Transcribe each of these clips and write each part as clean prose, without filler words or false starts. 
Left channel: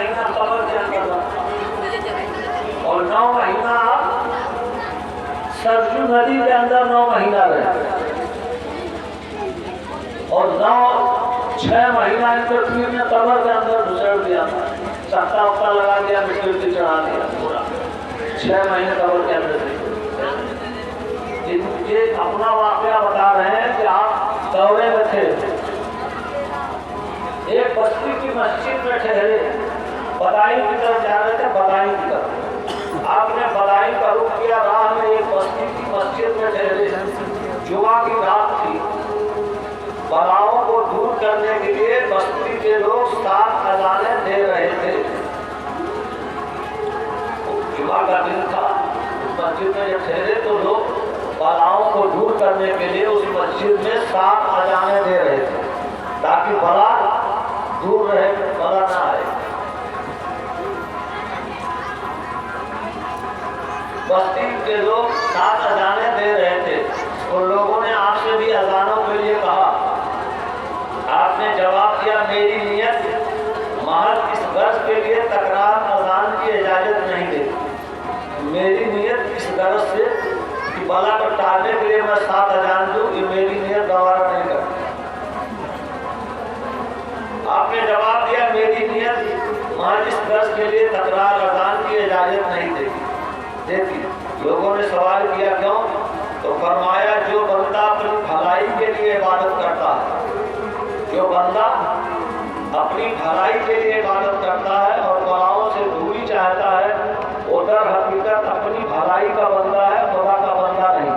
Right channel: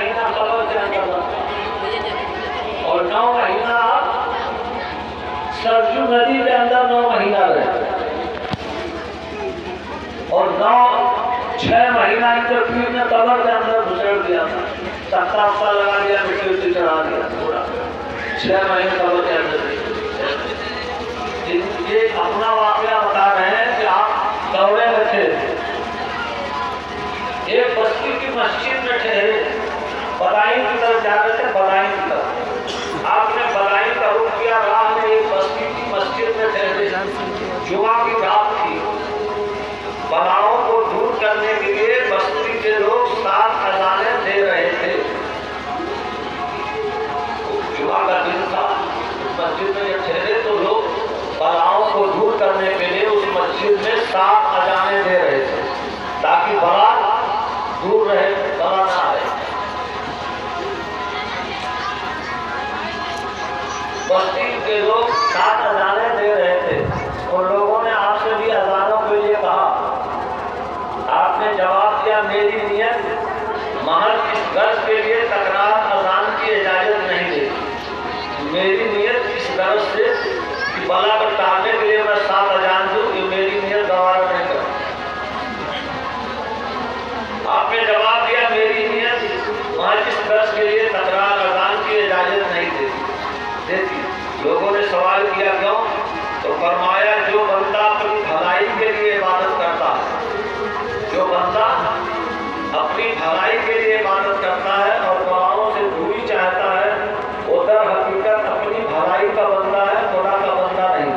महीना कबर के अंदर रहा और 9 महीना सरजू नदी के अंदर 9 महीना रहे और 6 महीना इंद्रपीठ ने कबर के अंदर घुसेड़ दिया था, तख्ता उख्ता लगा दिया, मिट्टी चढ़ा दिया पूरा। 6 महीने कबर के अंदर। ये अपना वाकया बता रहे हैं कि आप दौरे में थे, एक बस्ती की मस्जिद में ठहरे, बदायूं की तरफ जा रहे थे, बदायूं की तरफ। आपने बदायूं का रुख किया, राह में एक बस्ती की मस्जिद में ठहरे, जुमा की रात थी। बलाओं को दूर करने के लिए बस्ती के लोग 7 अज़ानें दे रहे थे। जुमा का दिन था, उस मस्जिद में जब ठहरे तो लोग बलाओं को दूर करने के लिए उस मस्जिद में 7 अज़ानें दे रहे थे ताकि बला दूर रहे, बला ना आए। बस्ती के लोग 7 अज़ानें दे रहे थे और लोगों ने आपसे भी अज़ानों के लिए कहा। आपने जवाब दिया, मेरी नियत महज इस गर्ज के लिए तकरार अज़ान की इजाजत नहीं देती। मेरी नियत इस गर्ज से कि बला को टालने के लिए मैं 7 अज़ान दूं, ये मेरी नियत गवारा नहीं करती। आपने जवाब दिया, मेरी नियत महज इस गर्ज के लिए तकरार अज़ान की इजाजत नहीं देती। लोगों ने सवाल किया, क्यों? तो फरमाया, जो बंदा अपनी भलाई के लिए इबादत करता है, जो बंदा अपनी भलाई के लिए इबादत करता है और बलाओं से दूरी चाहता है, वो दर हकीकत अपनी भलाई का बंदा है, खुदा का बंदा नहीं।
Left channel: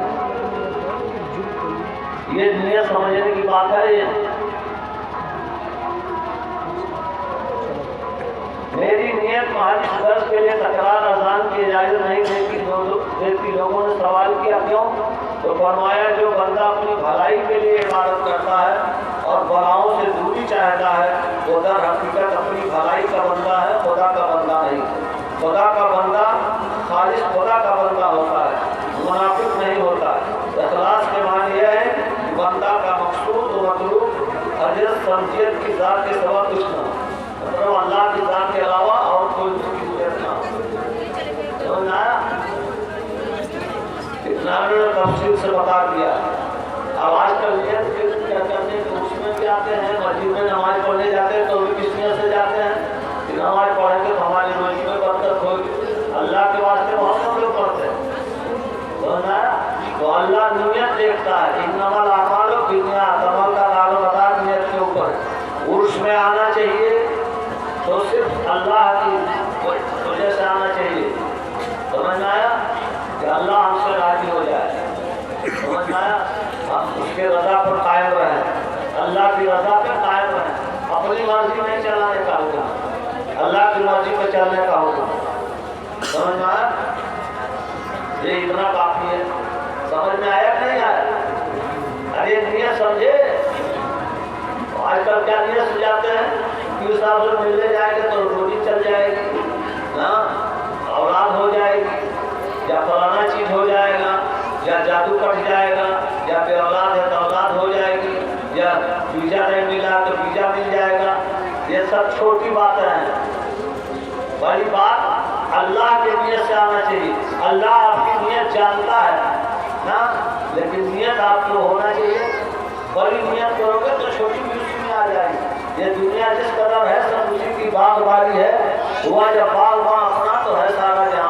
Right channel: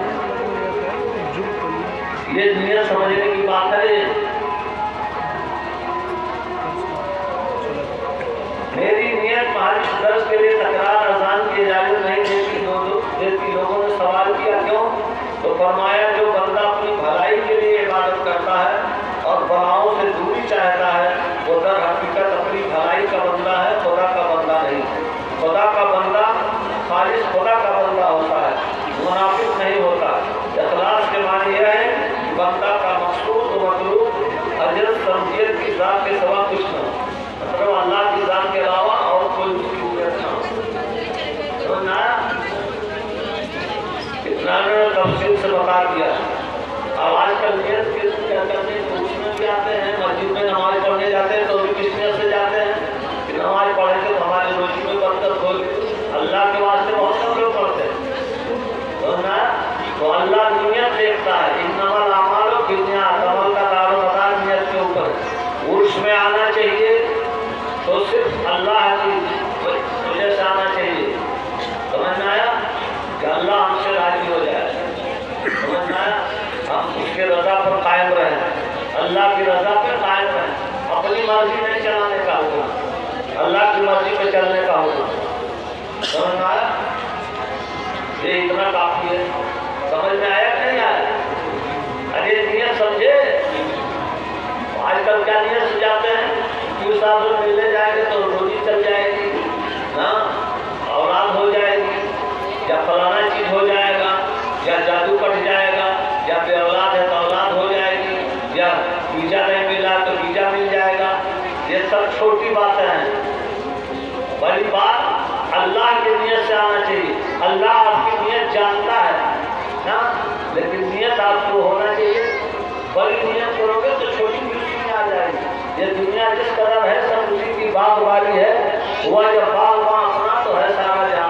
ये नियत समझने की बात है। मेरी नियत महज इस दर्ज के लिए तकरार अज़ान की इजाजत नहीं देती। लोगों ने सवाल किया, क्यों? तो फरमाया, जो बंदा अपनी भलाई के लिए इबादत करता है और बलाओं से दूरी चाहता है, वो दर हकीकत अपनी भलाई का बंदा है, खुदा का बंदा नहीं। खुदा का बंदा खालिस खुदा का बंदा होता है, मुनाफिक नहीं होता। इखलास के माने यह है कि बंदा का मकसूद व मतलूब हजरत समझियत की ज़ात के सिवा कुछ न हो, मतलब अल्लाह की ज़ात के अलावा और कोई उसकी नियत ना हो। समझ आया? इतना तफसील से बता दिया। अब आजकल नियत क्या करने तो उसमें भी आते हैं, मस्जिद में नमाज पढ़ने जाते हैं तो भी किस नियत से जाते हैं कि नमाज पढ़ेंगे तो हमारी रोजी में बरकत होगी। अल्लाह के वास्ते बहुत कम लोग पढ़ते हैं, तो अल्लाह नियत देखता है। इन्नमल अमालु बिन्नियात, अमल का दारोमदार नियत के ऊपर। उर्स में आना चाहिए तो सिर्फ अल्लाह की वजह से आना चाहिए। समझ में आया? कि अल्लाह हमसे राजी हो जाए। समझ में आया? हम उसके रजा पर कायम रहें, अल्लाह की रजा पर कायम रहें। अपनी मर्जी नहीं चलाने का होगा, अल्लाह की मर्जी पर चलने का होगा। समझ में आया? ये इतना काफी है। समझ में आया कि नहीं आया? अरे नियत समझे। आजकल क्या नियत सुझाते हैं कि उस साहब से मिलने जाएंगे तो रोजी चल जाएगी, औलाद हो जाएगी, या फलाना चीज हो जाएगा, या जादू कट जाएगा, या फिर औलाद है तो औलाद हो जाएगी, या वीजा नहीं मिला तो वीजा मिल जाएगा। ये सब छोटी बातें हैं। बड़ी बात अल्लाह की नियत से आना चाहिए। अल्लाह आपकी नियत जानता है ना, लेकिन नियत आपको होना चाहिए। बड़ी नियत करोगे तो छोटी मुश्किल में आ जाएगी। ये दुनिया जिस कदर है सब उसी की बात वाली है। हुआ जब बाग वहाँ अपना तो है सारा जहां।